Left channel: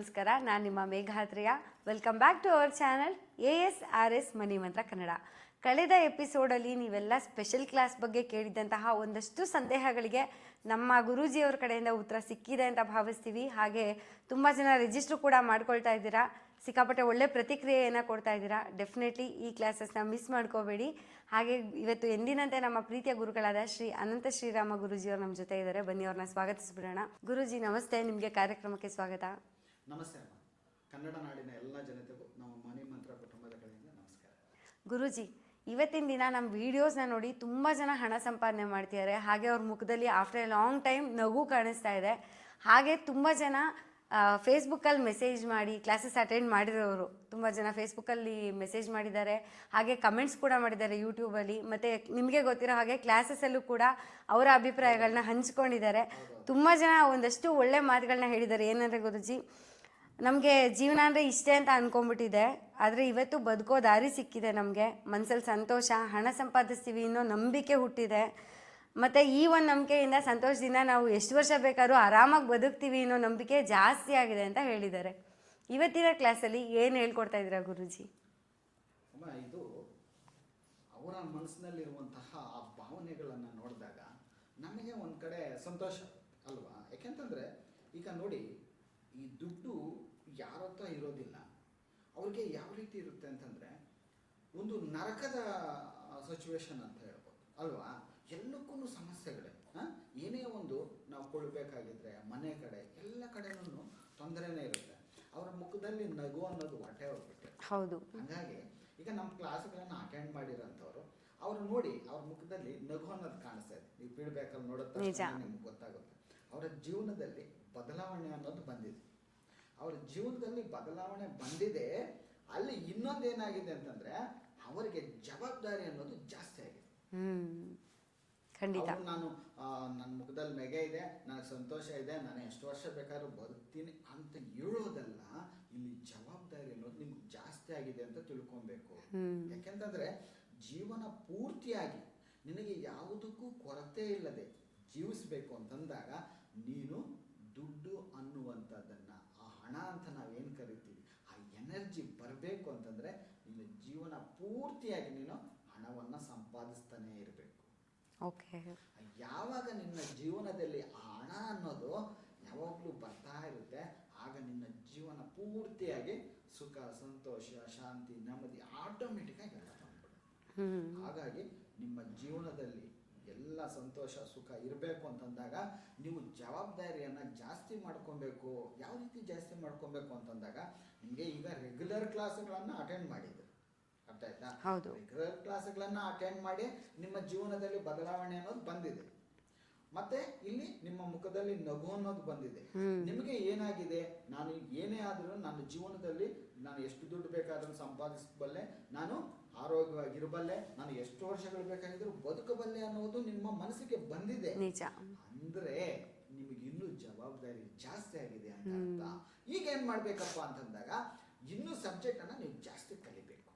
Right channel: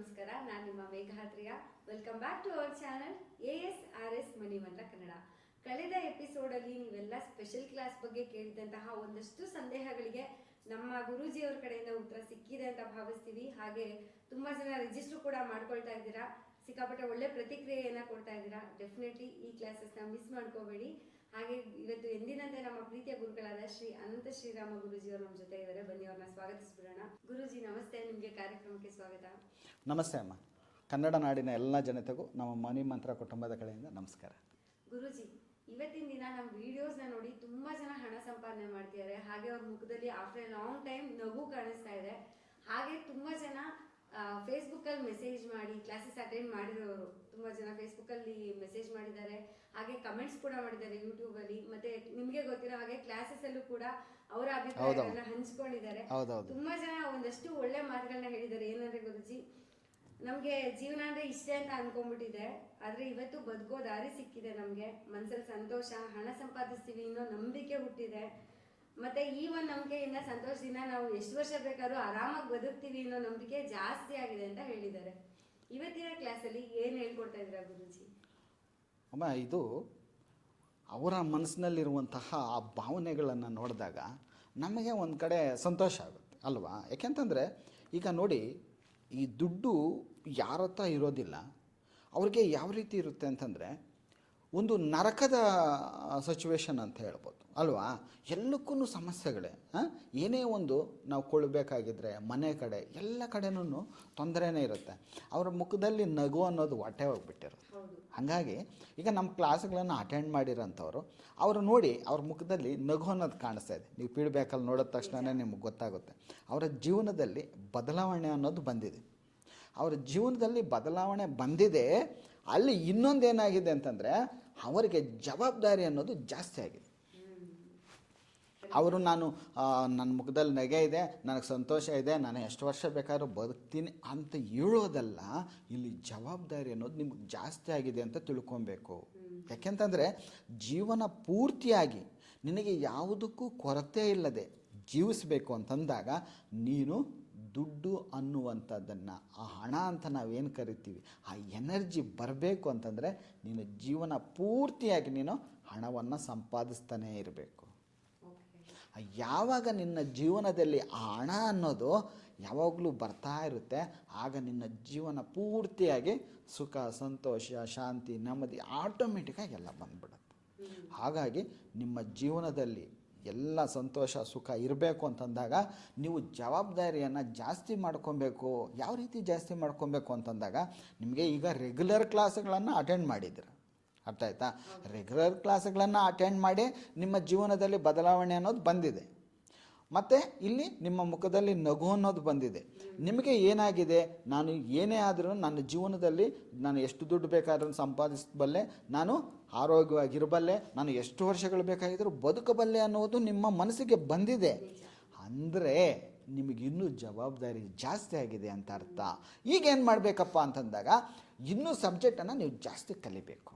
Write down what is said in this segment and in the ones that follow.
ನಮಸ್ಕಾರ, ನಾನು ನಿಮ್ಮ ಮೇಘಾತ್ರಿಯ welcome back to our channel A S R S money Mantra Kannada. ಕಳೆದ ಎಪಿಸೋಡಲ್ಲಿ ನೀವೆಲ್ಲ ಸ್ಪೆಷಲ್ ಕ್ಲಾಸ್ ಬಗ್ಗೆ ಕೇಳಿದಂತಹ ಒಂದಷ್ಟು ಸಂದೇಹಗಳಿಗೆ ನಮ್ಮ ಗುರೂಜಿಯವ್ರ ಕಡೆಯಿಂದ ಉತ್ತರ ಸಿಕ್ಕಿದೆ ಅಂತ ಭಾವಿಸ್ತೀವಿ. ಹಾಗೆ ತುಂಬ ಜನ ರಿಜಿಸ್ಟ್ರ್ ಕೂಡ ಮಾಡ್ಕೊಳ್ತಾ ಇದ್ದೀರಾ. ಸಿಕ್ಕಾಪಟ್ಟೆ ಒಳ್ಳೆ ಪ್ರತಿಕ್ರಿಯೆಯನ್ನು ಕೊಡ್ತಾ ಇದ್ದೀರಾ. ಡೆಫಿನೆಟ್ಲಿ ಈ ಕ್ಲಾಸಸ್ನ ಮಿಸ್ ಮಾಡ್ಕೋಬೇಡಿ. ಹಾಗೆ ಇವತ್ತು ಎಂದಿನಂತೆ ನಮ್ಮ ಪ್ರೀತಿಯ ಗುರುಗಳಾದ ಶ್ರೀ ಅನಂತ ಶ್ರೀರಾಮ ಗುರುಜಿಯವರು ನಮ್ಮ ಜೊತೆ ಇದ್ದಾರೆ. ಬನ್ನಿ ಅವ್ರನ್ನ ಸ್ವಾಗತಿಸ್ಬಿಡೋಣ. ಗುರುಜಿ, ನಮಸ್ತೆ. ನಿಮಗೆ ಕಾರ್ಯಕ್ರಮಕ್ಕೆ ಸ್ವಾಗತ. ನಮಸ್ತೆ ಅಮ್ಮ. ಕನ್ನಡ ನಾಡಿನ ಎಲ್ಲ ಜನತೆಗೂ ನಮ್ಮ ಮನಿ ಮಂತ್ರ ಕುಟುಂಬದ ಕಡೆಯಿಂದ ನಮಸ್ಕಾರ. ಗುರುಜಿ ಇವತ್ತಿನ ದಿನ ನಮ್ಮ ವಿಡಿಯೋಸ್ನ ನೋಡಿ ತುಂಬ ಜನ ಹಣ ಸಂಪಾದನೆ ಮಾಡ್ತಿದ್ದಾರೆ. ಹಾಗೆ ಅವ್ರ ಮುಖದಲ್ಲಿ ಆಫ್ಟರ್ ಎ ಲಾಂಗ್ ಟೈಮ್ ನಗು ಕಾಣಿಸ್ತಾ ಇದೆ. ಹಾಗೆ ತುಂಬ ಜನ ಫೇಸ್ಬುಕ್ಕಲ್ಲಿ ಮೆಸೇಜ್ ಮಾಡಿ ಕ್ಲಾಸಸ್ ಅಟೆಂಡ್ ಮಾಡಿರೋರು ತುಂಬ ಜನ ಫೇಸ್ಬುಕ್ಕಲ್ಲಿ ಮೆಸೇಜ್ ಮಾಡಿದ್ದಾರೆ. ಹಾಗೆ ಕಮೆಂಟ್ಸ್ ಕೂಡ ಮಾಡಿದ್ದಾರೆ ಯೂಟ್ಯೂಬಲ್ಲಿ ಮತ್ತು ನಿಮಗೆ ಗೊತ್ತಿರೋ ಹಾಗೆ ಕ್ಲಾಸಸ್ಸಲ್ಲೂ ಕೂಡ ಅವರ ಅಭಿಪ್ರಾಯಗಳನ್ನ ಹಂಚ್ಕೊಂಡಿದ್ದಾರೆ. ತುಂಬ ಜನ ಒಂದಷ್ಟು ಒಳ್ಳೆ ಮಾತುಗಳನ್ನ ಹೇಳಿದ್ದಾರೆ. ಏನಂದರೆ ಗುರುಜಿ ನಮಗೆ ಜೀವನ ಅಂದರೆ ಇಷ್ಟೇ ಅಂತ ಅಂದ್ಕೊಂಡ್ಬಿಟ್ಟಿದೆ ಆದರೆ ಇವತ್ತು ಬದುಕೋ ದಾರಿ ಸಿಕ್ಕಿದೆ ನಮಗೆ. ಮನಸ್ಸಲ್ಲಿ ಸಂತೋಷ, ಹಣ ಸಂಪಾದಿಸ್ತೀವಿ ಅನ್ನೋ ನಂಬಿಕೆ ಹುಟ್ಟಿದೆ. ಮತ್ತು ಈ ಒಂದು ನಂಬಿಕೆಯಿಂದ ಸಂತೋಷದಿಂದ ನಾವು ಎಷ್ಟು ವರ್ಷ ಬೇಕಾದ್ರೂ ಆರಾಮಾಗಿ ಬದುಕ್ತೀವಿ ಅನ್ನೋ ನಂಬಿಕೆ ಜಾಸ್ತಿ ಆಗಿದೆ ಅಂತ ಹೇಳಿದ್ದಾರೆ. ಇವತ್ತಿನ ಕ್ಲಾಸಲ್ಲಿ ಏನು ಹೇಳ್ಕೊಡ್ತಾ ಇದ್ದೀರಾ ಗುರುಜಿ? ಅಮ್ಮ, ಇದು ಅವರ ಮನಸ್ಸಿನಲ್ಲಿರುವಂತಹ ಆ ಭಾವನೆಗಳನ್ನು ನೋಡಿದಾಗ ನಮಗೆ ಒಂದು ಕಡೆ ಸಂತೋಷ ಆಗುತ್ತೆ, ಅಲ್ವಾ? ಯಾಕೆಂತಂದರೆ ಈಗ ನೋಡಿ, ಈ ದುಡ್ಡು ಯಾರ ಹತ್ರ ಇರೋದಿಲ್ಲ ಅವ್ರಿಗೆ ಯಾವ ರೀತಿ ಇರುತ್ತೆ ಅಂತಂದರೆ ಒಂದು ನರಕದ ಸಿಚುವೇಶನ್ ಅಂತ ಹೇಳ್ಬೋದು. ಅಲ್ವಾ? ಎಲ್ಲಕ್ಕೂ ಸಮಸ್ಯೆಗಳೇ ಏನೇ ಒಂದು ನಾವು ಕೊಳ್ಳಬೇಕಾಗಿದ್ರೆ ಮನೆ ಕಡೆ ಎಲ್ಲ ಕಡೆನೂ ತೊಂದರೆನೇ ಇರುತ್ತೆ. ಅವರ ಮುಖದಲ್ಲಿ ನಗು ಅನ್ನೋದು ಹೊಟ್ಟೆ ಹೋಗ್ಬಿಟ್ಟಿರುತ್ತೆ. ಹೌದು. ಹಾಗಾಗಿ ಈಗ ನಮ್ಮ ಕ್ಲಾಸ್ಗಳನ್ನು ಅಟೆಂಡ್ ಮಾಡಿರೋಂಥವ್ರು ಅವರು ನೋಡಿ ಅವ್ರ ಮುಖದಲ್ಲಿ ನಗು ಅನ್ನೋದು ಕಾಣಿಸ್ತಾ ಇದೆ. ನೀವು ಪೀಡ್ಬೇಕಲ್ಲಿ ನೋಡಿದ ತಕ್ಷಣ ನಿಮ್ಗೆ ಗೊತ್ತಾಗುತ್ತೆ. ಅವರ ಜೀವನದಲ್ಲಿ ಬದಲಾವಣೆ ಅನ್ನೋದು ಬಂದಿದೆ. ಅವರ ಜೀವನದಲ್ಲಿ ಬದಲಾವಣೆ ಬಂದಿದೆ ಅಲ್ಲಿ ಇನ್ನೊಂದು ಏನಾಗಿದೆ ಅಂತಂದರೆ ಅವರಿಗೆ ಜವಾಬ್ದಾರಿ ಅನ್ನೋದು ಜಾಸ್ತಿ ಆಗಿದೆ. ಅವರು ನಾನು ನನ್ನ ಮುಖದಲ್ಲಿ ನಗೆ ಇದೆ ನನಗೆ ಸಂತೋಷ ಇದೆ ನಾನು ಎಷ್ಟು ವರ್ಷ ಬೇಕಾದ್ರೂ ಬದುಕ್ತೀನಿ ಅಂತ ಹೇಳೋದಲ್ಲ ಇಲ್ಲಿ ಜವಾಬ್ದಾರಿ ಅನ್ನೋದು ನಿಮ್ಗೆ ಜಾಸ್ತಿ ಆಗಿದೆ ಅಂತ ತಿಳ್ಕೊಬೇಕು. ಯಾಕೆಂತಂದರೆ ಜೀವನ ಪೂರ್ತಿಯಾಗಿ ನಿನಗೆ ಯಾವುದಕ್ಕೂ ಕೊರತೆ ಇಲ್ಲದೆ ಜೀವಿಸಬೇಕು ಅಂತಂದಾಗ ನೀನು ದುಡ್ಡು ಅನ್ನುವಂಥದ್ದನ್ನು ಆ ಹಣ ಅಂತ ನಾವೇನು ಕರಿತೀವಿ ಆ ಎನರ್ಜಿ ಬರಬೇಕು ಅಂತಂದರೆ ನೀನು ಜೀವನ ಪೂರ್ತಿಯಾಗಿ ನೀನು ಹಣವನ್ನು ಸಂಪಾದಿಸ್ತಾನೇ ಇರಬೇಕು. ಓಕೆ. ಯಾವಾಗ ನಿನ್ನ ಜೀವನದಲ್ಲಿ ಆ ಹಣ ಅನ್ನೋದು ಯಾವಾಗಲೂ ಬರ್ತಾ ಇರುತ್ತೆ ಆಗ ನಿನ್ನ ಜೀವನ ಪೂರ್ತಿಯಾಗಿ ಸುಖ ಸಂತೋಷ ಶಾಂತಿ ನೆಮ್ಮದಿ ಆಟೋಮೆಟಿಕ್ಕಾಗಿ ಎಲ್ಲ ಬಂದ್ಬಿಡುತ್ತೆ. ಹಾಗಾಗಿ ನಿಮ್ಮ ಜೀವನದಲ್ಲಿ ಎಲ್ಲ ಸಂತೋಷ ಸುಖ ಇರಬೇಕು ಅಂತಂದಾಗ ನೀವು ಜವಾಬ್ದಾರಿಯನ್ನು ಜಾಸ್ತಿ ಮಾಡ್ಕೊಬೇಕು. ಯಾವ ರೀತಿ ಜಾಸ್ತಿ ಮಾಡ್ಕೊಬೇಕು ಅಂತಂದಾಗ ನಿಮಗೆ ಈಗ ರೆಗ್ಯುಲರ್ ಕ್ಲಾಸ್ಗಳನ್ನು ಅಟೆಂಡ್ ಮಾಡಿದ್ರೆ ಅರ್ಥ ಆಯ್ತಾ? ರೆಗ್ಯುಲರ್ ಕ್ಲಾಸ್ಗಳನ್ನು ಅಟೆಂಡ್ ಮಾಡಿ ನಿಮ್ಮ ಜೀವನದಲ್ಲಿ ಬದಲಾವಣೆ ಅನ್ನೋದು ಬಂದಿದೆ. ಮತ್ತು ಇಲ್ಲಿ ನಿಮ್ಮ ಮುಖದಲ್ಲಿ ನಗು ಅನ್ನೋದು ಬಂದಿದೆ. ನಿಮಗೆ ಏನಾಗಿದೆ? ನಾನು ಏನೇ ಆದರೂ ನನ್ನ ಜೀವನದಲ್ಲಿ ನಾನು ಎಷ್ಟು ದುಡ್ಡು ಬೇಕಾದ್ರೂ ಸಂಪಾದಿಸಬಲ್ಲೆ ನಾನು ಆರೋಗ್ಯವಾಗಿರಬಲ್ಲೆ ನಾನು ಎಷ್ಟು ವರ್ಷಗಳು ಬೇಕಾಗಿದ್ರೂ ಬದುಕಬಲ್ಲೆ ಅನ್ನೋದು ನಿಮ್ಮ ಮನಸ್ಸಿಗೆ ಬಂದಿದೆ. ಅಂದರೆ ನಿಮಗೆ ಇನ್ನೂ ಜವಾಬ್ದಾರಿ ಜಾಸ್ತಿ ಆಗಿದೆ ಅಂತ ಅರ್ಥ. ಈಗ ಏನು ಮಾಡಬೇಕಪ್ಪ ಅಂತಂದಾಗ ಇನ್ನೂ ಸಬ್ಜೆಕ್ಟನ್ನು ನೀವು ಜಾಸ್ತಿ ಕಲಿಬೇಕು.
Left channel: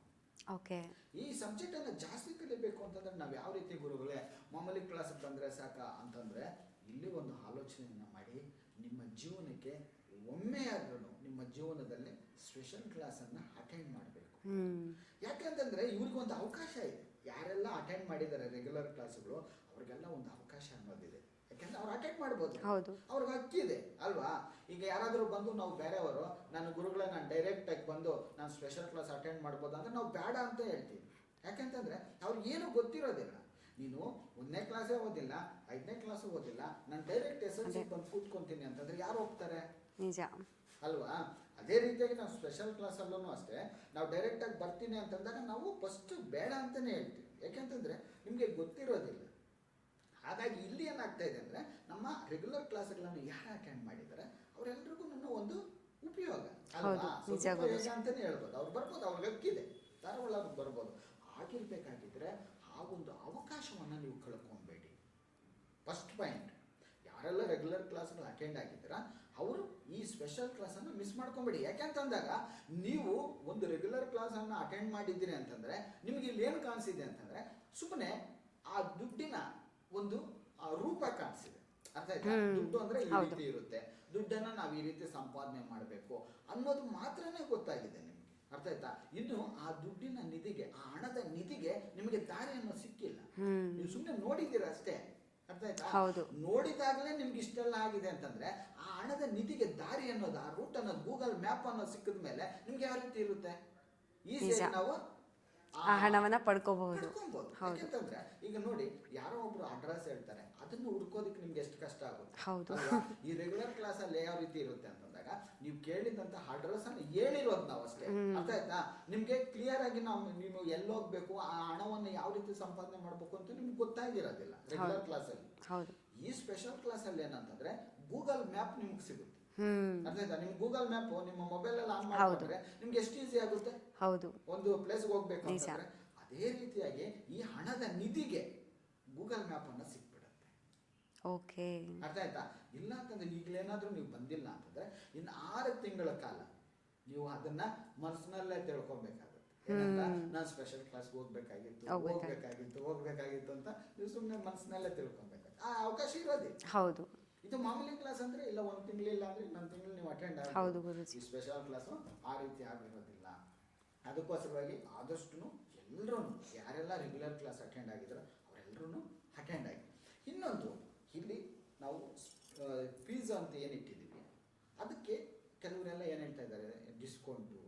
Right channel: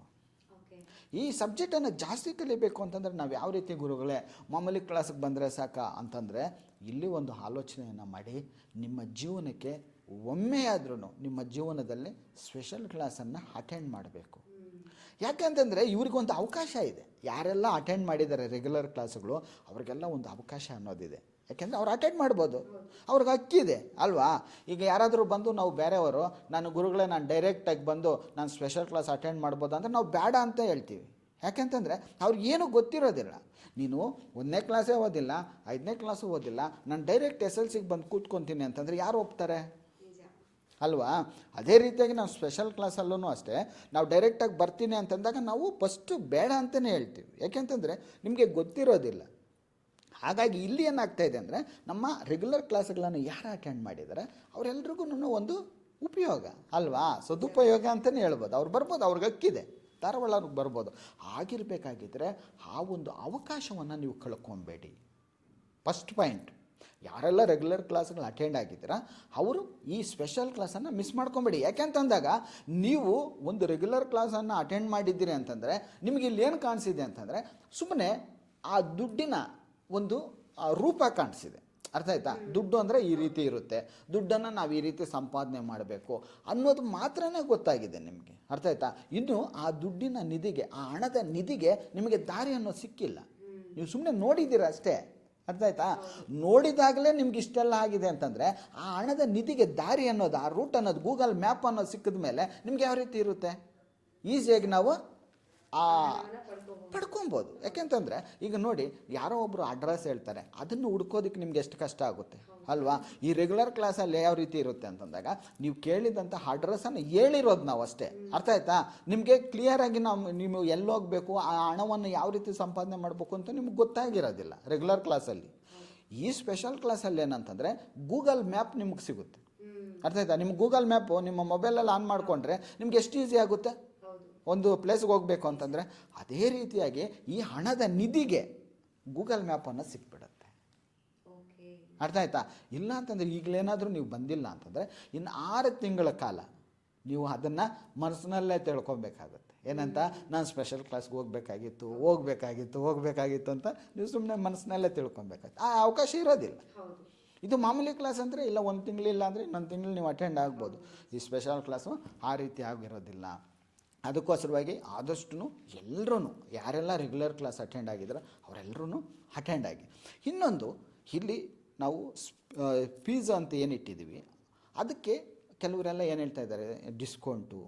ಓಕೆ ಈ ಸಬ್ಜೆಕ್ಟನ್ನು ಜಾಸ್ತಿ ಕಲಿಬೇಕು ಅಂತಂದರೆ ನಾವು ಯಾವ ರೀತಿ ಗುರುಗಳೇ ಮಾಮೂಲಿ ಕ್ಲಾಸಿಗೆ ಬಂದರೆ ಸಾಕ ಅಂತಂದರೆ ಇಲ್ಲಿ ಒಂದು ಆಲೋಚನೆಯನ್ನು ಮಾಡಿ ನಿಮ್ಮ ಜೀವನಕ್ಕೆ ಒಮ್ಮೆ ಆದ್ರೂ ನಿಮ್ಮ ಜೀವನದಲ್ಲಿ ಸ್ಪೆಷಲ್ ಕ್ಲಾಸನ್ನು ಅಟೆಂಡ್ ಮಾಡಬೇಕು. ಯಾಕೆಂತಂದರೆ ಇವ್ರಿಗೊಂದು ಅವಕಾಶ ಇದೆ. ಯಾರೆಲ್ಲ ಅಟೆಂಡ್ ಮಾಡಿದ್ದಾರೆ ರೆಗ್ಯುಲರ್ ಕ್ಲಾಸ್ಗಳು ಅವ್ರಿಗೆಲ್ಲ ಒಂದು ಅವಕಾಶ ಅನ್ನೋದಿದೆ. ಯಾಕೆಂದರೆ ಅವ್ರು ಅಟೆಂಡ್ ಮಾಡ್ಬೋದು. ಅವ್ರಿಗೆ ಹಕ್ಕಿದೆ ಅಲ್ವಾ? ಈಗ ಯಾರಾದರೂ ಬಂದು ನಾವು ಬೇರೆಯವರು ನಾನು ಗುರುಗಳೇ ನಾನು ಡೈರೆಕ್ಟಾಗಿ ಬಂದು ನಾನು ಸ್ಪೆಷಲ್ ಕ್ಲಾಸ್ ಅಟೆಂಡ್ ಮಾಡ್ಬೋದು ಅಂದರೆ ನಾವು ಬೇಡ ಅಂತ ಹೇಳ್ತೀವಿ. ಯಾಕೆಂತಂದರೆ ಅವ್ರಿಗೆ ಏನೂ ಗೊತ್ತಿರೋದಿಲ್ಲ. ನೀನು ಒಂದನೇ ಕ್ಲಾಸೇ ಓದಿಲ್ಲ ಐದನೇ ಕ್ಲಾಸು ಓದಿಲ್ಲ ನಾನು ಡೈರೆಕ್ಟ್ ಎಸ್ ಎಲ್ ಸಿಗೆ ಬಂದು ಕೂತ್ಕೊತೀನಿ ಅಂತಂದರೆ ಯಾರು ಒಪ್ತಾರೆ? ನಿಜ. ಅಲ್ವಾ? ಅದೇ ರೀತಿಯಾಗಿ ನಾವು ಸ್ಪೆಷಲ್ ಕ್ಲಾಸಲ್ಲೂ ಅಷ್ಟೇ ನಾವು ಡೈರೆಕ್ಟಾಗಿ ಬರ್ತೀನಿ ಅಂತಂದಾಗ ನಾವು ಫಸ್ಟು ಬೇಡ ಅಂತಲೇ ಹೇಳ್ತೀವಿ. ಯಾಕೆಂತಂದರೆ ನಿಮಗೆ ಗೊತ್ತಿರೋದಿಲ್ಲ. ಹಾಗಾಗಿ ಇಲ್ಲಿ ಏನಾಗ್ತಾ ಇದೆ ಅಂದರೆ ನಮ್ಮ ರೆಗ್ಯುಲರ್ ಕ್ಲಾಸ್ಗಳನ್ನು ಯಾರು ಅಟೆಂಡ್ ಮಾಡಿದ್ದಾರೆ ಅವರೆಲ್ಲರಿಗೂ ಒಂದು ಉಪಯೋಗ ಅಲ್ವಾ? ಸದುಪಯೋಗ ಅಂತಲೇ ಹೇಳ್ಬೋದು. ಅವ್ರು ಬರ್ಬೋದು ಅವ್ರಿಗೆ ಹಕ್ಕಿದೆ. ಧಾರವಾಡ ಅವ್ರಿಗೆ ಬರ್ಬೋದು. ಆಗಿರಬೇಕಾಗಿದ್ದರೆ ಆ ಒಂದು ಅವಕಾಶವನ್ನು ನೀವು ಕಳ್ಕೊಬೇಡಿ. ಫಸ್ಟ್ ಪಾಯಿಂಟ್ ಯಾರೆಲ್ಲ ರೆಗ್ಯುಲರ್ ಕ್ಲಾಸ್ಗಳು ಅಟೆಂಡ್ ಆಗಿದ್ದೀರಾ ಅವರು ಈ ಸ್ಪೆಷಲ್ ಕ್ಲಾಸನ್ನು ಮಿಸ್ ಮಾಡ್ಕೊಬೇಡಿ. ಯಾಕೆಂತಂದಾಗ ನೀವು ಒಂದು ರೆಗ್ಯುಲರ್ ಕ್ಲಾಸನ್ನು ಅಟೆಂಡ್ ಮಾಡಿದ್ದೀರಿ ಅಂತಂದರೆ ನಿಮಗೆ ಇಲ್ಲಿ ಏನು ಕಾಣಿಸಿದೆ ಅಂತಂದರೆ ಸುಮ್ಮನೆ ಆ ದುಡ್ಡಿನ ಒಂದು ರೂಪ ಕಾಣಿಸಿದೆ. ಅರ್ಥ ಆಯ್ತಾ? ದುಡ್ಡು ಅಂದ್ರೆ ಈ ರೀತಿ ಇರುತ್ತೆ. ದುಡ್ಡನ್ನ ನಾವು ಈ ರೀತಿ ಸಂಪಾದನೆ ಮಾಡಬೇಕು ಅನ್ನೋದು ಮಾತ್ರನೇ ಗೊತ್ತಾಗಿದೆ ನಿಮಗೆ. ಅರ್ಥ ಆಯ್ತಾ? ಇನ್ನು ಆ ದುಡ್ಡಿನ ನಿಧಿಗೆ ಆ ಹಣದ ನಿಧಿಗೆ ನಿಮಗೆ ದಾರಿ ಅನ್ನೋದು ಸಿಕ್ಕಿಲ್ಲ. ನೀವು ಸುಮ್ಮನೆ ನೋಡಿದ್ದೀರಾ ಅಷ್ಟೇ. ಅರ್ಥ ಆಯ್ತಾ. ನೋಡಿದಾಗಲೇ ನಿಮ್ಗೆ ಇಷ್ಟೆಲ್ಲ ಆಗಿದೆ ಅಂತಂದ್ರೆ ಆ ಹಣದ ನಿಧಿಗೆ ದಾರಿ ಅನ್ನೋದು ಆ ರೂಟ್ ಅನ್ನೋದು ಗೂಗಲ್ ಮ್ಯಾಪ್ ಅನ್ನೋದು ಸಿಕ್ಕಿದ ಮೇಲೆ ನಿಮ್ಗೆ ಯಾವ ರೀತಿ ಇರುತ್ತೆ? ಈಸಿಯಾಗಿ ನಾವು ಆ ಹಣವನ್ನ ಪಡ್ಕೋಬಹುದು. ಪಡ್ಕೊಬೋದು ಯಾಕೆಂತಂದ್ರೆ ಈಗ ನೋಡಿ ಯಾರೋ ಒಬ್ರು ಅಡ್ರೆಸ್ ಹೇಳ್ತಾರೆ. ಅದನ್ನು ಹುಡ್ಕೋದಕ್ಕೆ ನಿಮ್ಗೆ ಎಷ್ಟು ಕಷ್ಟ ಆಗುತ್ತೆ. ಅಲ್ವಾ? ಈ ರೆಗ್ಯುಲರ್ ಕ್ಲಾಸ್ ಅಲ್ಲಿ ಯಾವ ರೀತಿ ಇರುತ್ತೆ ಅಂತಂದಾಗ ನೀವು ಕೇಳಿದಂತ ಅಡ್ರೆಸ್ ಅನ್ನು ಹೇಳಿರೋದು ನಾವು ಅಷ್ಟೇ. ಅರ್ಥ ಆಯ್ತಾ? ನಿಮ್ಗೆ ಕ್ಲಿಯರ್ ಆಗಿ ನಾವು ನೀವು ಎಲ್ಲಿ ಹೋಗ್ಬೇಕು ಆ ಹಣವನ್ನು ಯಾವ ರೀತಿ ಸಂಪಾದನೆ ಮಾಡಬೇಕು ಅಂತ ನಿಮ್ಗೆ ಗೊತ್ತಾಗಿರೋದಿಲ್ಲ ರೆಗ್ಯುಲರ್ ಕ್ಲಾಸ್ ಅಲ್ಲಿ. ಈ ಸ್ಪೆಷಲ್ ಕ್ಲಾಸ್ ಅಲ್ಲಿ ಏನಂತಂದ್ರೆ ಗೂಗಲ್ ಮ್ಯಾಪ್ ನಿಮ್ಗೆ ಸಿಗುತ್ತೆ. ಅರ್ಥ ಆಯ್ತಾ? ನಿಮ್ಮ ಗೂಗಲ್ ಮ್ಯಾಪ್ ನಿಮ್ಮ ಮೊಬೈಲಲ್ಲಿ ಆನ್ ಮಾಡ್ಕೊಂಡ್ರೆ ನಿಮ್ಗೆ ಎಷ್ಟು ಈಸಿ ಆಗುತ್ತೆ? ಹೌದು. ಒಂದು ಪ್ಲೇಸ್ಗೆ ಹೋಗ್ಬೇಕು ಅಂತಂದ್ರೆ ಅದೇ ರೀತಿಯಾಗಿ ಈ ಹಣದ ನಿಧಿಗೆ ಗೂಗಲ್ ಮ್ಯಾಪ್ ಅನ್ನ ಸಿಕ್ಬಿಡುತ್ತೆ. ಓಕೆ. ಅರ್ಥ ಆಯ್ತಾ? ಇಲ್ಲ ಅಂತಂದ್ರೆ ಈಗಲೇನಾದ್ರೂ ನೀವು ಬಂದಿಲ್ಲ ಅಂತಂದ್ರೆ ಇನ್ನು ಆರು ತಿಂಗಳ ಕಾಲ ನೀವು ಅದನ್ನ ಮನಸ್ಸಿನಲ್ಲೇ ತಿಳ್ಕೊಬೇಕಾಗತ್ತೆ. ಏನಂತ? ನಾನು ಸ್ಪೆಷಲ್ ಕ್ಲಾಸ್ಗೆ ಹೋಗ್ಬೇಕಾಗಿತ್ತು ಹೋಗ್ಬೇಕಾಗಿತ್ತು. ಹೋಗ್ಬೇಕಾಗಿತ್ತು ಅಂತ ನೀವು ಸುಮ್ಮನೆ ಮನಸ್ಸಿನಲ್ಲೇ ತಿಳ್ಕೊಬೇಕಾಗುತ್ತೆ. ಆ ಅವಕಾಶ ಇರೋದಿಲ್ಲ. ಹೌದು. ಇದು ಮಾಮೂಲಿ ಕ್ಲಾಸ್ ಅಂದರೆ ಇಲ್ಲ ಒಂದು ತಿಂಗಳಿಲ್ಲ ಅಂದರೆ ಇನ್ನೊಂದು ತಿಂಗಳು ನೀವು ಅಟೆಂಡ್ ಆಗ್ಬೋದು. ಈ ಸ್ಪೆಷಲ್ ಕ್ಲಾಸು ಆ ರೀತಿ ಆಗಿರೋದಿಲ್ಲ. ಅದಕ್ಕೋಸ್ಕರವಾಗಿ ಆದಷ್ಟು ಎಲ್ಲರೂ ಯಾರೆಲ್ಲ ರೆಗ್ಯುಲರ್ ಕ್ಲಾಸ್ ಅಟೆಂಡ್ ಆಗಿದ್ರು ಅವರೆಲ್ಲರೂ ಅಟೆಂಡ್ ಆಗಿ. ಇನ್ನೊಂದು, ಇಲ್ಲಿ ನಾವು ಫೀಸ್ ಅಂತ ಏನು ಇಟ್ಟಿದ್ದೀವಿ ಅದಕ್ಕೆ ಕೆಲವರೆಲ್ಲ ಏನು ಹೇಳ್ತಾ ಇದ್ದಾರೆ ಡಿಸ್ಕೌಂಟು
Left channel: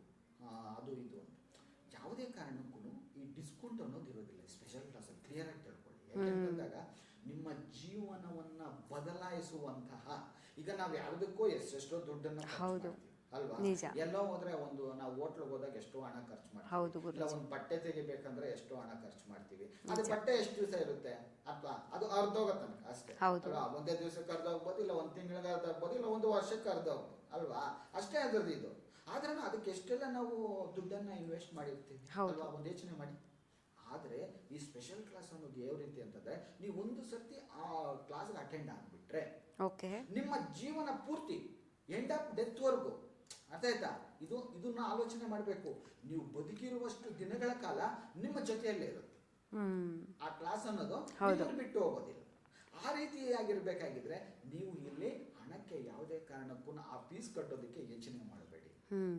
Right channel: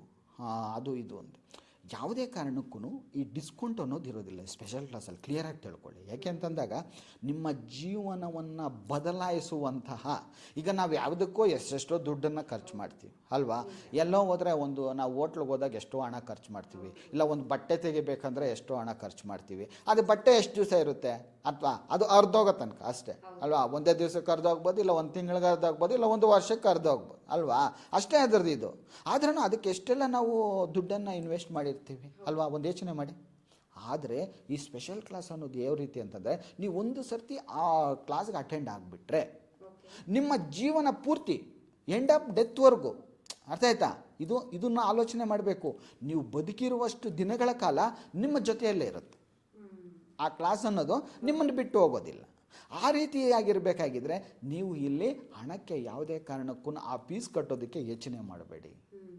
ಅದು, ಇದು ಅಂತ. ಯಾವುದೇ ಕಾರಣಕ್ಕೂ ಈ ಡಿಸ್ಕೌಂಟ್ ಅನ್ನೋದು ಇರೋದಿಲ್ಲ ಸ್ಪೆಷಲ್ ಕ್ಲಾಸಲ್ಲಿ ಕ್ಲಿಯರಾಗಿ ತಿಳ್ಕೊಳ್ಳಿ. ಯಾಕೆ ಅಂತಂದಾಗ ನಿಮ್ಮ ಜೀವನವನ್ನು ಬದಲಾಯಿಸುವಂತಹ ಈಗ ನಾವು ಯಾವುದಕ್ಕೋ ಎಷ್ಟೆಷ್ಟೋ ದುಡ್ಡನ್ನು ಖರ್ಚು ಮಾಡ್ತೀವಿ ಅಲ್ವಾ. ಎಲ್ಲೋ ಹೋದ್ರೆ ಒಂದು ನಾವು ಹೋಟ್ಲಿಗೆ ಹೋದಾಗ ಎಷ್ಟೋ ಹಣ ಖರ್ಚು ಮಾಡ್ತೀವಿ. ಇಲ್ಲ ಒಂದು ಬಟ್ಟೆ ತೆಗಿಬೇಕಂದ್ರೆ ಎಷ್ಟೋ ಹಣ ಖರ್ಚು ಮಾಡ್ತೀವಿ. ಅದು ಬಟ್ಟೆ ಎಷ್ಟು ದಿವಸ ಇರುತ್ತೆ? ಅಥವಾ ಅದು ಅರ್ಧೋಗೋ ತನಕ ಅಷ್ಟೇ. ಅಲ್ವಾ? ಒಂದೇ ದಿವಸಕ್ಕೆ ಅರ್ಧೋಗ್ಬೋದು ಇಲ್ಲ ಒಂದು ತಿಂಗಳಿಗೆ ಅರ್ಧೋಗ್ಬೋದು ಇಲ್ಲ ಒಂದು ವರ್ಷಕ್ಕೆ ಅರ್ಧೋಗ್ಬೋದು ಅಲ್ವಾ? ಅಷ್ಟೇ ಅದರದ್ದು ಇದು. ಆದ್ರೂ ಅದಕ್ಕೆ ಎಷ್ಟೆಲ್ಲ ನಾವು ದುಡ್ಡನ್ನು ಇನ್ವೆಸ್ಟ್ ಮಾಡಿರ್ತೀವಿ ಅಲ್ವಾ? ಒಂದು ಯೋಚನೆ ಮಾಡಿ. ಆದರೆ ಈ ಸ್ಪೆಷಲ್ ಕ್ಲಾಸ್ ಅನ್ನೋದು ಯಾವ ರೀತಿ ಅಂತಂದರೆ ನೀವು ಒಂದು ಸರ್ತಿ ಆ ಕ್ಲಾಸ್ಗೆ ಅಟೆಂಡ್ ಆಗಿಬಿಟ್ರೆ ಓಕೆ. ನಿಮ್ಮ ಜೀವನ ಪೂರ್ತಿ ಎಂಡ್ ಆಫ್ ಡೆತ್ವರೆಗೂ ಅರ್ಥ ಆಯ್ತಾ? ಇದು ಇದನ್ನ ಆಲೋಚನೆ ಮಾಡಬೇಕು. ನೀವು ಬದುಕಿರುವಷ್ಟು ದಿನಗಳ ಕಾಲ ನಿಮ್ಮ ಜೊತೆಯಲ್ಲೇ ಇರುತ್ತೆ. ಆ ಕ್ಲಾಸ್ ಅನ್ನೋದು ನಿಮ್ಮನ್ನು ಬಿಟ್ಟು ಹೋಗೋದಿಲ್ಲ. ಆ ರೀತಿಯಾಗಿರ್ಬೇಕಾಗಿದ್ರೆ ನೀವು ಇಲ್ಲಿ ಹಣಕ್ಕೆ ಯಾವುದೇ ಕಾರಣಕ್ಕೂ ಆ ಫೀಸ್ ಕಟ್ಟೋದಕ್ಕೆ ಯೋಚನೆ ಮಾಡಬೇಡಿ.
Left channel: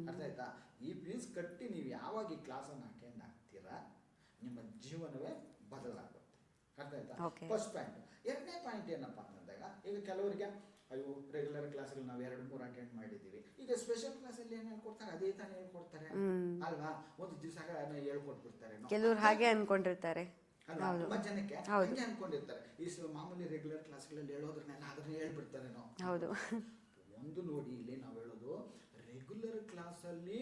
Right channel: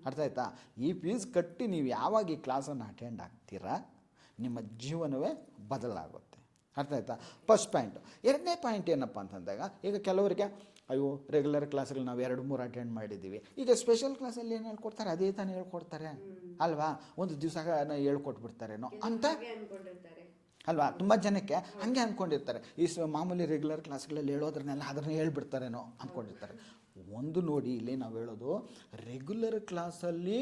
ಅರ್ಥ ಆಯ್ತಾ? ಈ ಫೀಸ್ ಕಟ್ಟಿ ನೀವು ಯಾವಾಗ ಈ ಕ್ಲಾಸನ್ನು ಅಟೆಂಡ್ ಆಗ್ತೀರಾ ನಿಮ್ಮ ಜೀವನವೇ ಬದಲಾಗುತ್ತೆ. ಅರ್ಥ ಆಯ್ತಾ? ಫಸ್ಟ್ ಪಾಯಿಂಟ್ ಎರಡನೇ ಪಾಯಿಂಟ್ ಏನಪ್ಪ ಅಂತಂದಾಗ ಈಗ ಕೆಲವರಿಗೆ ಅಯ್ಯೋ ರೆಗ್ಯುಲರ್ ಕ್ಲಾಸ್ಗಳು ನಾವು ಎರಡು ಮೂರು ಅಟೆಂಡ್ ಮಾಡಿದ್ದೀವಿ. ಈಗ ಸ್ಪೆಷಲ್ ಕ್ಲಾಸಲ್ಲಿ ಏನು ಹೇಳ್ಕೊಡ್ತಾರೆ? ಅದೇ ತಾನೇ ಹೇಳ್ಕೊಡ್ತಾರೆ. ಅಲ್ವಾ? ಒಂದು ದಿವಸ ಹೇಳ್ಕೊಟ್ಬಿಡ್ತಾರೆ ಹಾಗೆ ಅನ್ಕೊಂಡಿರ್ತಾರೆ. ಅಲ್ವಾ? ತುಂಬಾ ಜನಕ್ಕೆ ಹಂಗೆ ಅನ್ಕೊಂಡಿರ್ತಾರೆ. ಈ ಮಾಮೂಲಿ ರೆಗ್ಯುಲರ್ ಕ್ಲಾಸ್ಗಳಲ್ಲಿ ಹೇಳೋದ್ರನ್ನೆಲ್ಲ ಅದನ್ನ ಹೇಳ್ಬಿಡ್ತಾರೇನೋ ಅನ್ಕೊಂಡಿರ್ತಾರೆ. ಒಂದು ನೋಡಿ ಇಲ್ಲಿ ನಾವು ಹೇಳೋದು ರೆಗ್ಯುಲರ್ ಕ್ಲಾಸಲ್ಲಿ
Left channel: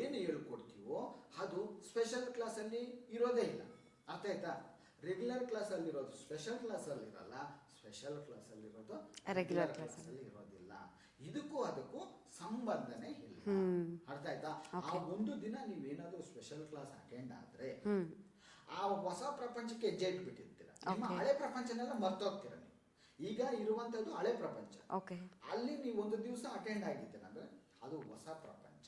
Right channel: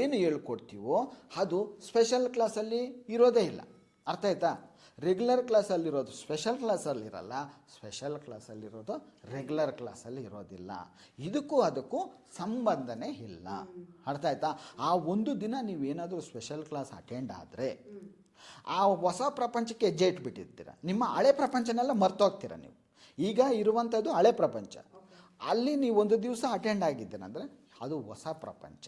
ಏನು ಹೇಳ್ಕೊಡ್ತೀವೋ ಅದು ಸ್ಪೆಷಲ್ ಕ್ಲಾಸಲ್ಲಿ ಇರೋದೇ ಇಲ್ಲ. ಅರ್ಥ ಆಯ್ತಾ? ರೆಗ್ಯುಲರ್ ಕ್ಲಾಸಲ್ಲಿರೋದು ಸ್ಪೆಷಲ್ ಕ್ಲಾಸಲ್ಲಿರಲ್ಲ ಸ್ಪೆಷಲ್ ಕ್ಲಾಸಲ್ಲಿರೋದು ರೆಗ್ಯುಲರ್ ಕ್ಲಾಸಲ್ಲಿ ಇರೋದಿಲ್ಲ. ಇದಕ್ಕೂ ಅದಕ್ಕೂ ಸಂಬಂಧನೇ ಇಲ್ಲ. ಅರ್ಥ ಆಯ್ತಾ? ಆ ಒಂದು ದಿನ ನೀವೇನಾದರೂ ಸ್ಪೆಷಲ್ ಕ್ಲಾಸ್ ಅಟೆಂಡ್ ಆದರೆ ಆ ಹೊಸ ಪ್ರಪಂಚಕ್ಕೆ ಹೆಜ್ಜೆ ಇಟ್ಬಿಟ್ಟಿರ್ತೀರ? ನಿಮ್ಮ ಹಳೆ ಪ್ರಪಂಚನೆಲ್ಲ ಮರ್ತೋಗ್ತೀರ ನೀವು? ಈಗ ಇರುವಂಥದ್ದು ಹಳೆ ಪ್ರಪಂಚ. ಅಲ್ಲಿ ನೀವು ಒಂದು ದಿವಸ ಅಟೆಂಡ್ ಆಗಿದ್ದೀರಂದ್ರೆ ಅದು ಹೊಸ ಪ್ರಪಂಚ.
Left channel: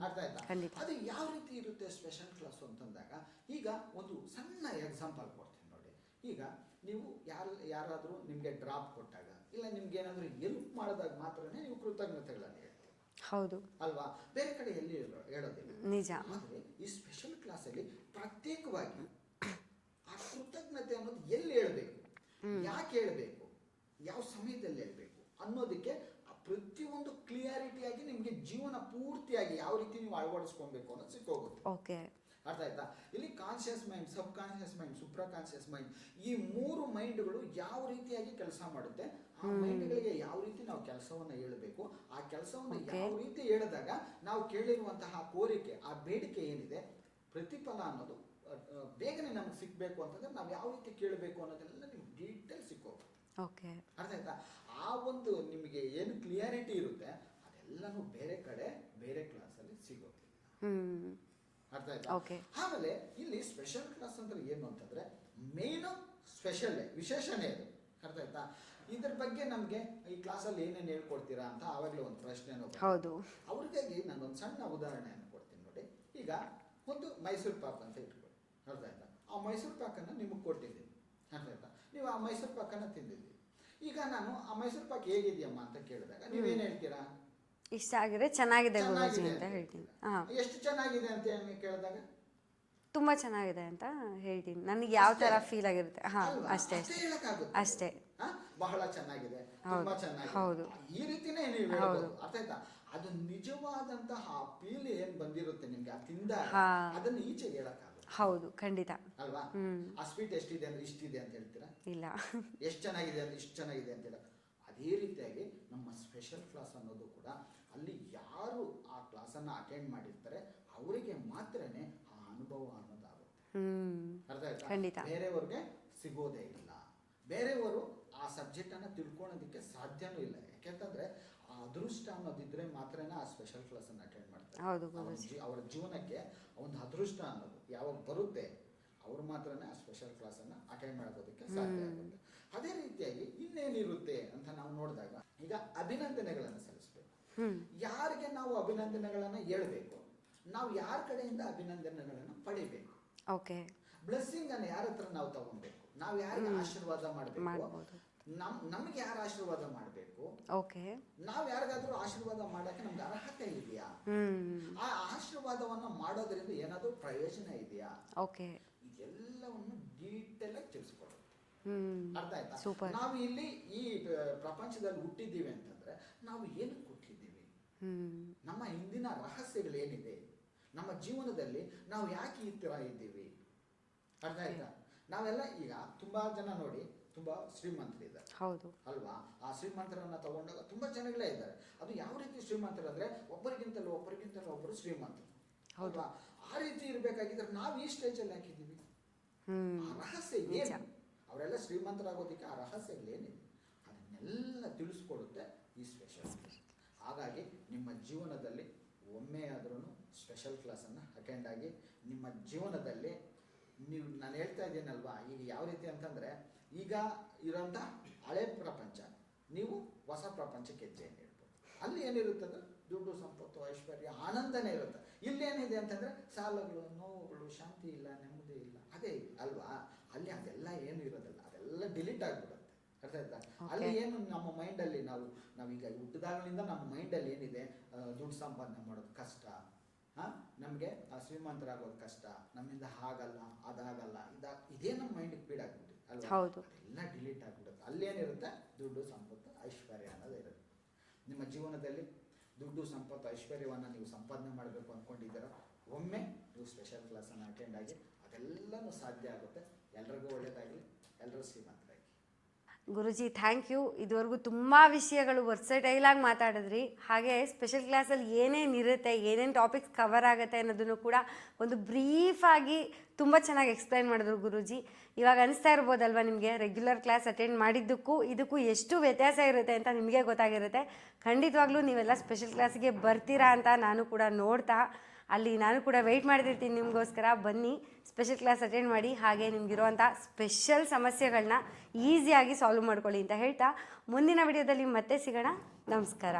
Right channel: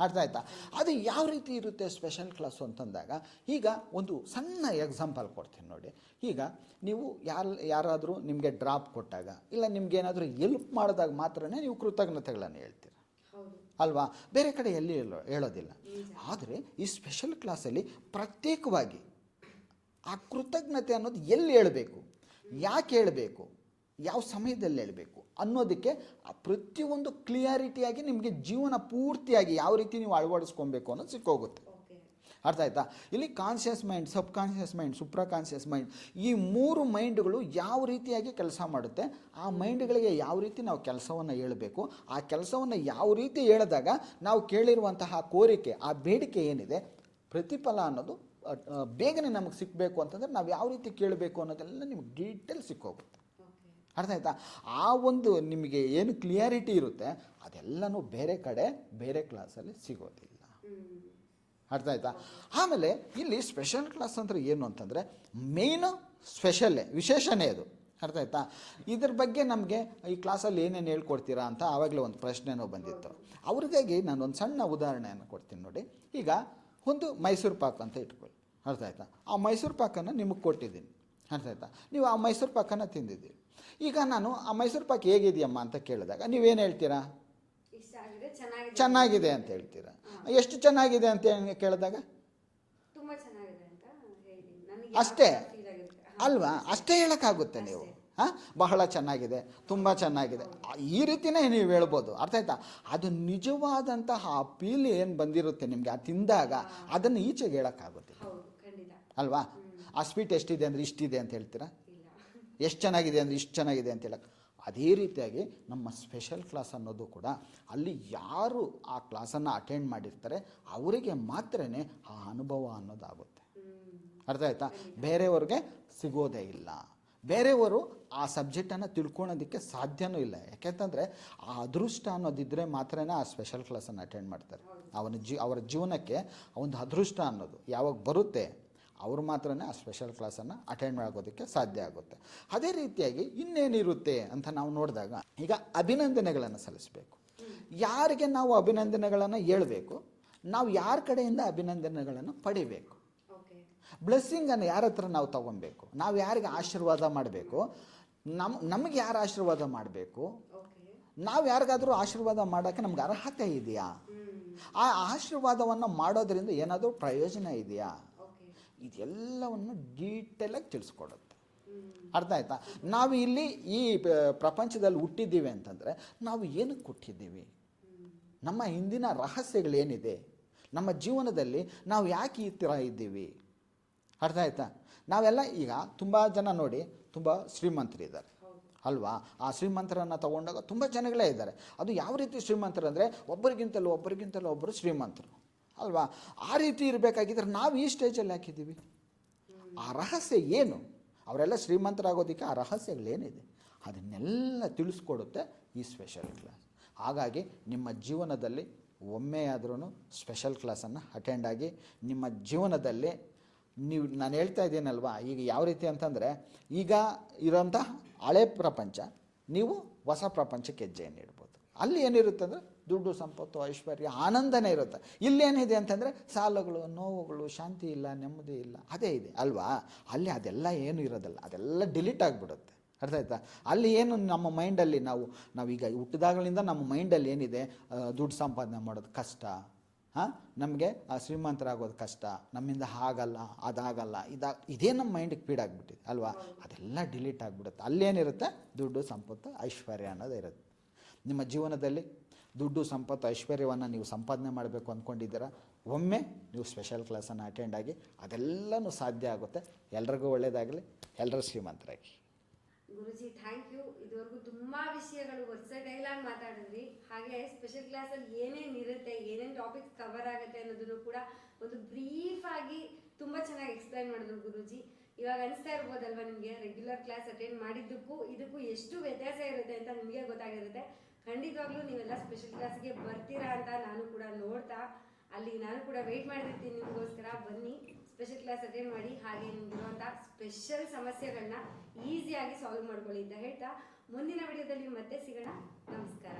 ಅರ್ಥ ಆಯ್ತಾ? ಅದು ಯಾವ ರೀತಿ ಇರುತ್ತೆ ಸ್ಪೆಷಲ್ ಕ್ಲಾಸು ಅಂತಂದಾಗ ಈಗ ಒಂದು ಸಣ್ಣ ಎಕ್ಸಾಂಪಲ್ ಕೊಡ್ತೀನಿ ನೋಡಿ. ಈಗ ನೀವು ಯಾರು ಯಾರಾದರೂ ನಿಮಗೆ ಡ್ರಾಪ್ ಕೊಟ್ಟಾಗ ಇಲ್ಲ ನಿಮ್ಗೇನಾದರೂ ಎಲ್ಪ್ ಮಾಡಿದಾಗ ಮಾತ್ರ ನೀವು ಕೃತಜ್ಞತೆಗಳನ್ನು ಹೇಳ್ತೀವಿ ಹೌದು. ಅಲ್ವಾ? ಬೇರೆ ಕಡೆ ಎಲ್ಲಿ ಹೇಳೋ ಹೇಳೋದಿಲ್ಲ. ಆದರೆ ಈ ಸ್ಪೆಷಲ್ ಕ್ಲಾಸಲ್ಲಿ ಪ್ರತ್ಯೇಕವಾಗಿ ಆ ಕೃತಜ್ಞತೆ ಅನ್ನೋದು ಎಲ್ಲಿ ಹೇಳಬೇಕು? ಯಾಕೆ ಹೇಳಬೇಕು? ಯಾವ ಸಮಯದಲ್ಲಿ ಹೇಳಬೇಕು? ಅನ್ನೋದಕ್ಕೆ ಪ್ರತಿಯೊಂದು ಕ್ಲಿಯಾರಿಟಿಯಾಗಿ ನಿಮಗೆ ಜೀವನ ಪೂರ್ತಿಯಾಗಿ ಯಾವ ರೀತಿ ನೀವು ಅಳವಡಿಸ್ಕೊಬೇಕು ಅನ್ನೋದು ಸಿಕ್ಕೋಗುತ್ತೆ. ಓಕೆ ಅರ್ಥ ಆಯ್ತಾ? ಇಲ್ಲಿ conscious mind subconscious mind supraconscious mind ಈ ಮೂರು ಮೈಂಡ್ಗಳು ಯಾವ ರೀತಿಯಾಗಿ ಕೆಲಸ ಮಾಡುತ್ತೆ? ಆ ಮೈಂಡ್ಗಳಿಗೆ ಯಾವ ರೀತಿ ನಾವು ಕೆಲಸವನ್ನು ಹೇಳಬೇಕು? ಆ ಕೆಲಸವನ್ನು ಯಾವ ರೀತಿ ಹೇಳಿದಾಗ ನಾವು ಕೇಳಿರುವಂತಹ ಕೋರಿಕೆ ಆ ಬೇಡಿಕೆ ಏನಿದೆ? ಪ್ರತಿಫಲ ಅನ್ನೋದು ಬೇಗನೆ ನಮಗೆ ಸಿಕ್ಕಬೇಕು ಅಂತಂದರೆ ನಾವು ಯಾವ ರೀತಿ ಕೇಳಬೇಕು ಅನ್ನೋದೆಲ್ಲ ನಿಮ್ಗೆ ಡೀಟೇಲ್ ಸಿಕ್ಕೋಗುತ್ತೆ. ಅರ್ಥ ಆಯ್ತಾ? ಆ ಒಂದು ನಿಮಗೆ ಏನು ಕ್ಲಿಯಾರಿಟಿ ಇರುತ್ತೆ ಅದೆಲ್ಲನೂ ಬೇರೆ ಕಡೆ ಬೇರೆ ಕ್ಲಾಸಲ್ಲಿ ಸಿಗೋದಿಲ್ಲ. ಅರ್ಥ ಆಯ್ತಾ? ಆಮೇಲೆ ಇಲ್ಲಿ ಸ್ಪೆಷಲ್ ಕ್ಲಾಸ್ ಅಂದ್ರೆ ಏನು ಅಂತಂದ್ರೆ ಮೇನ್ ಸ್ಪೆಷಲ್ಲೇ ವಿಶೇಷನೇ ಅದು. ಅರ್ಥ ಆಯ್ತಾ? ಇದ್ರ ಬಗ್ಗೆ ನಮಗೆ ಈ ಕ್ಲಾಸಲ್ಲಿ ಏನೇನು ಹೇಳ್ಕೊಡ್ತೀರಾ ಅಂತ ಆವಾಗಲೇ ಒಂದು ಪ್ರಶ್ನೆನೂ ಬಂದಿತ್ತು. ಅವ್ರಿಗಾಗಿ ನಾನು ಒಂದು ಸಣ್ಣ ಉದಾಹರಣೆಯನ್ನು ಕೊಡ್ತೀನಿ ನೋಡಿ. ಈಗ ಒಂದು ಮೈಸೂರು ಪಾಕ್ ಅಂತ ಇಟ್ಕೊಳ್ಳಿ. ಅರ್ಥ ಆಯ್ತಾ? ಆ ಮೈಸೂರು ಪಾಕನ್ನು ನಿಮಗೆ ಕೊಟ್ಟಿದ್ದೀನಿ. ಅರ್ಥ ಆಯ್ತಾ ನೀವು ಆ ಮೈಸೂರು ಪಾಕನ ತಿಂದಿದ್ದೀರಿ. ಈಗ ನಾನು ಆ ಮೈಸೂರು ಪಾಕ್ ಹೇಗಿದೆಯಮ್ಮ ಅಂತ ಕೇಳಿದಾಗ ನೀವೇನು ಹೇಳ್ತೀರಾ? ಇಷ್ಟ ಆಗಿದೆ ಚೆನ್ನಾಗಿದೆ ಚೆನ್ನಾಗಿದೆ ಅಂತ ಹೇಳ್ತೀರಾ? ಎಷ್ಟು ಚೆನ್ನಾಗಿದೆ ಅಂತ ಕೇಳಿದಾಗ? ತುಂಬಾ ಚೆನ್ನಾಗಿದೆ ಅಂತ ಹೇಳ್ತೀನಿ ನನಗೆ ಯಾವ ಅಷ್ಟೇ? ಫೀಲ್ ಆಗಿರುತ್ತೆ ಹಾ, ಅಲ್ವಾ ಅಷ್ಟೇ. ಅಷ್ಟೇ ಹೇಳಕ್ಕಾಗುತ್ತೆ ಅಷ್ಟೇ. ಹಾ? ಬಹಳ ಚೆನ್ನಾಗಿದೆ ತುಂಬಾ ಚೆನ್ನಾಗಿದೆ ಹೌದು. ಈ ರೀತಿನೇ ನೀವು ಹೇಳ್ಬೋದು ಅರ್ಥ ಆಯ್ತಾ ಅದು ನಿಜವಾದಂತಹ ಆ ಫೀಲ್ ಏನ್ ಬಂದಿರುತ್ತೆ ನಿಮ್ಗೆ ಆ ತಿಂದಾಗ ಹಾ. ಅದನ್ನ ಈಚೆಗೆ ಹೇಳಕ್ಕಾಗುತ್ತೆ ಹೌದು ಖಂಡಿತ ಅಲ್ವಾ. ಆ ಸ್ವೀಟ್ ಎಷ್ಟಿದೆ ಅಂದ್ರೆ ಇಷ್ಟಿದೆ ಅಂತ ಹೇಳ್ತೀರಾ ಇಲ್ಲ ಎಷ್ಟು ಚೆನ್ನಾಗಿದೆ ಅಂದ್ರೆ ಇಷ್ಟು ಚೆನ್ನಾಗಿದೆ ಅಂತ ಹೇಳಕ್ಕೆ ಅದೇ ರೀತಿಯಾಗಿ ನಮ್ಮ ಸ್ಪೆಷಲ್ ಕ್ಲಾಸ್ ಅನ್ನೋದು ಕೂಡ ಅಲ್ಲಿ ಯಾರು ಆ ಕ್ಲಾಸನ್ನು ಅಟೆಂಡ್ ಮಾಡಿರ್ತಾರೆ ಅವರಿಗೆ ಮಾತ್ರನೇ ಆ ಅನುಭವ ಅನ್ನೋದಾಗುತ್ತೆ. ಅರ್ಥ ಆಯ್ತಾ. ಬೇರೆಯವ್ರಿಗೆ ಸಿಗೋದೇ ಇಲ್ಲ. ಬೇರೆಯವರು ಆ ಸಬ್ಜೆಕ್ಟನ್ನು ತಿಳ್ಕೊಳೋದಕ್ಕೆ ಸಾಧ್ಯನೂ ಇಲ್ಲ. ಯಾಕೆಂತಂದರೆ ಆ ಅದೃಷ್ಟ ಅನ್ನೋದಿದ್ದರೆ ಮಾತ್ರನೇ ಆ ಸ್ಪೆಷಲ್ ಕ್ಲಾಸನ್ನು ಅಟೆಂಡ್ ಮಾಡ್ತಾರೆ. ಅವನ ಜೀ ಅವರ ಜೀವನಕ್ಕೆ ಒಂದು ಅದೃಷ್ಟ ಅನ್ನೋದು ಯಾವಾಗ ಬರುತ್ತೆ ಅವರು ಮಾತ್ರ ಆ ಸ್ಪೆಷಲ್ ಕ್ಲಾಸನ್ನು ಅಟೆಂಡ್ ಮಾಡೋದಕ್ಕೆ ಸಾಧ್ಯ ಆಗುತ್ತೆ. ಅದೇ ರೀತಿಯಾಗಿ ಇನ್ನೇನಿರುತ್ತೆ ಅಂತ ನಾವು ನೋಡಿದಾಗ ಈಗ ಅಭಿನಂದನೆಗಳನ್ನು ಸಲ್ಲಿಸಬೇಕು. ಯಾರಿಗೆ ನಾವು ಅಭಿನಂದನೆಗಳನ್ನು ಹೇಳಬೇಕು ನಾವು ಯಾರ ಕಡೆಯಿಂದ ಅಭಿನಂದನೆಗಳನ್ನು ಪಡಿಬೇಕು? ಓಕೆ ಬ್ಲೆಸ್ಸಿಂಗನ್ನು ಯಾರ ಹತ್ರ ನಾವು ತಗೊಬೇಕು? ನಾವು ಯಾರಿಗೆ ಆಶೀರ್ವಾದ ಮಾಡಬೇಕು? ನಮ್ ನಮಗೆ ಯಾರು ಆಶೀರ್ವಾದ ಮಾಡಬೇಕು? ಓಕೆ. ನಾವು ಯಾರಿಗಾದ್ರೂ ಆಶೀರ್ವಾದ ಮಾಡೋಕ್ಕೆ ನಮ್ಗೆ ಅರ್ಹತೆ ಇದೆಯಾ? ಆ ಆಶೀರ್ವಾದವನ್ನು ಮಾಡೋದ್ರಿಂದ ಏನಾದರೂ ಪ್ರಯೋಜನ ಇದೆಯಾ? ಓಕೆ. ಇದೆಲ್ಲವನ್ನು ಡೀಟೇಲಾಗಿ ತಿಳಿಸ್ಕೊಡುತ್ತೆ. ಅರ್ಥ ಆಯ್ತಾ? ನಾವು ಇಲ್ಲಿ ಈ ಪ್ರಪಂಚದಲ್ಲಿ ಹುಟ್ಟಿದ್ದೀವಿ ಅಂತಂದರೆ ನಾವು ಏನಕ್ಕೆ ಹುಟ್ಟಿದ್ದೀವಿ? ನಮ್ಮ ಹಿಂದಿನ ರಹಸ್ಯಗಳೇನಿದೆ? ನಮ್ಮ ಜೀವನದಲ್ಲಿ ನಾವು ಯಾಕೆ ಈ ಥರ ಇದ್ದೀವಿ? ಅರ್ಥ ಆಯ್ತಾ? ನಾವೆಲ್ಲ ಈಗ ತುಂಬ ಜನ ನೋಡಿ ತುಂಬ ಶ್ರೀಮಂತರಿದ್ದಾರೆ ಅಲ್ವಾ? ಆ ಶ್ರೀಮಂತರನ್ನು ತಗೊಂಡಾಗ ತುಂಬ ಜನಗಳೇ ಇದ್ದಾರೆ. ಅದು ಯಾವ ರೀತಿ ಶ್ರೀಮಂತರು ಅಂದರೆ ಒಬ್ಬರಿಗಿಂತಲೂ ಒಬ್ಬರಿಗಿಂತಲೂ ಒಬ್ಬರು ಶ್ರೀಮಂತರು. ಅಲ್ವಾ? ಆ ರೀತಿ ಇರಬೇಕಾಗಿದ್ರೆ ನಾವು ಈ ಸ್ಟೇಜಲ್ಲಿ ಹಾಕಿದ್ದೀವಿ. ಆ ರಹಸ್ಯ ಏನು? ಅವರೆಲ್ಲ ಶ್ರೀಮಂತರಾಗೋದಕ್ಕೆ ಆ ರಹಸ್ಯಗಳೇನಿದೆ? ಅದನ್ನೆಲ್ಲ ತಿಳಿಸ್ಕೊಡುತ್ತೆ ಈ ಸ್ಪೆಷಲ್ ಕ್ಲಾಸ್ ಹಾಗಾಗಿ ನಿಮ್ಮ ಜೀವನದಲ್ಲಿ ಒಮ್ಮೆಯಾದ್ರೂ ಸ್ಪೆಷಲ್ ಕ್ಲಾಸನ್ನು ಅಟೆಂಡ್ ಆಗಿ ನಿಮ್ಮ ಜೀವನದಲ್ಲಿ ನೀವು, ನಾನು ಹೇಳ್ತಾ ಇದ್ದೀನಲ್ವಾ? ಈಗ ಯಾವ ರೀತಿ ಅಂತಂದರೆ, ಈಗ ಇರೋಂಥ ಹಳೆ ಪ್ರಪಂಚ, ನೀವು ಹೊಸ ಪ್ರಪಂಚಕ್ಕೆ ಹೆಜ್ಜೆಯನ್ನು ಇಡ್ಬೋದು. ಅಲ್ಲಿ ಏನಿರುತ್ತೆ ಅಂದರೆ, ದುಡ್ಡು, ಸಂಪತ್ತು, ಐಶ್ವರ್ಯ, ಆನಂದನೇ ಇರುತ್ತೆ. ಇಲ್ಲೇನಿದೆ ಅಂತಂದರೆ, ಸಾಲಗಳು, ನೋವುಗಳು, ಶಾಂತಿ ಇಲ್ಲ, ನೆಮ್ಮದಿ ಇಲ್ಲ, ಅದೇ ಇದೆ, ಅಲ್ವಾ? ಅಲ್ಲಿ ಅದೆಲ್ಲ ಏನು ಇರೋದಿಲ್ಲ, ಅದೆಲ್ಲ ಡಿಲೀಟ್ ಆಗಿಬಿಡುತ್ತೆ. ಅರ್ಥ ಆಯ್ತಾ? ಅಲ್ಲಿ ಏನು ನಮ್ಮ ಮೈಂಡಲ್ಲಿ ನಾವು, ನಾವೀಗ ಹುಟ್ಟಿದಾಗಲಿಂದ ನಮ್ಮ ಮೈಂಡಲ್ಲಿ ಏನಿದೆ ದುಡ್ಡು ಸಂಪಾದನೆ ಮಾಡೋದು ಕಷ್ಟ ಹಾಂ? ನಮಗೆ ಶ್ರೀಮಂತರಾಗೋದು ಕಷ್ಟ ನಮ್ಮಿಂದ ಆಗಲ್ಲ ಅದಾಗಲ್ಲ ಇದಾಗ ಇದೇ ನಮ್ಮ ಮೈಂಡಿಗೆ ಫೀಡ್ ಆಗಿಬಿಟ್ಟಿದೆ ಅಲ್ವಾ. ಅದೆಲ್ಲ ಡಿಲೀಟ್ ಆಗಿಬಿಡುತ್ತೆ. ಅಲ್ಲೇನಿರುತ್ತೆ? ದುಡ್ಡು ಸಂಪತ್ತು ಐಶ್ವರ್ಯ ಅನ್ನೋದು ಇರುತ್ತೆ. ನಿಮ್ಮ ಜೀವನದಲ್ಲಿ ದುಡ್ಡು ಸಂಪತ್ತು ಐಶ್ವರ್ಯವನ್ನು ನೀವು ಸಂಪಾದನೆ ಮಾಡಬೇಕು ಅಂದ್ಕೊಂಡಿದ್ದೀರಾ ಒಮ್ಮೆ ನೀವು ಸ್ಪೆಷಲ್ ಕ್ಲಾಸನ್ನು ಅಟೆಂಡ್ ಆಗಿ ಅದೆಲ್ಲನೂ ಸಾಧ್ಯ ಆಗುತ್ತೆ. ಎಲ್ರಿಗೂ ಒಳ್ಳೆಯದಾಗಲಿ ಎಲ್ಲರೂ ಶ್ರೀಮಂತರಾಗಿ. ಗುರುಜಿ ಥ್ಯಾಂಕ್ ಯು ಇದುವರೆಗೂ ತುಂಬ ವಿಷಯಗಳು ವರ್ಸಟೈಲಾಗಿ ಮಾತಾಡಿದ್ರಿ. ಹಾಗೆ ಸ್ಪೆಷಲ್ ಕ್ಲಾಸಲ್ಲಿ ಏನೇನು ಇರುತ್ತೆ, ಏನೇನು ಟಾಪಿಕ್ಸ್ ಕವರ್ ಆಗುತ್ತೆ ಅನ್ನೋದನ್ನು ಕೂಡ ಒಂದು ಬ್ರೀಫಾಗಿ ತುಂಬ ಚೆನ್ನಾಗಿ ಎಕ್ಸ್ಪ್ಲೈನ್ ಮಾಡಿದ್ರು ಗುರುಜಿ. ಇವಾಗ ಅನಿಸ್ತಾ ಇರ್ಬೋದಲ್ವಾ ನಿಮಗೆ? ರೆಗ್ಯುಲರ್ ಕ್ಲಾಸ್ ಅಟೆಂಡ್ ಮಾಡಿದ್ದಕ್ಕೂ, ಇದಕ್ಕೂ ಎಷ್ಟು ವ್ಯತ್ಯಾಸ ಇರುತ್ತೆ ಅಂತ ನಿಮಗೆ ಗೊತ್ತಾಗಿರುತ್ತೆ. ಖಂಡಿತವಾಗ್ಲೂ ನೀವೆಲ್ಲ ಸ್ಪೆಷಲ್ ಕ್ಲಾಸ್ಗೆ ಬರ್ತೀರಾ ಅಂತ ನಾನು ಕೂಡ ನೋಡ್ತಾ, ಅಲ್ಲಿ ನಾನು ಕೂಡ ವೆಯ್ಟ್ ಮಾಡ್ತಿರ್ತೀನಿ ನಿಮಗೋಸ್ಕರ. ಬನ್ನಿ. ಸ್ಪೆಷಲ್ ಕ್ಲಾಸ್ ಅಟೆಂಡ್ ಮಾಡಿ ಹಾಗೆ ನಿಮಗಿರುವಂಥ ಸ್ಪೆಷಲ್ ಸಮಸ್ಯೆಗಳನ್ನ ಈಸಿಯಾಗಿ ಸಾಲ್ವ್ ಮಾಡ್ಕೊಳ್ಳಿ ಅಂತ ಹೇಳ್ತಾ ಮುಂದಿನ ವಿಡಿಯೋದಲ್ಲಿ ಮತ್ತೆ ಸಿಗೋಣ. ನಮಸ್ಕಾರ.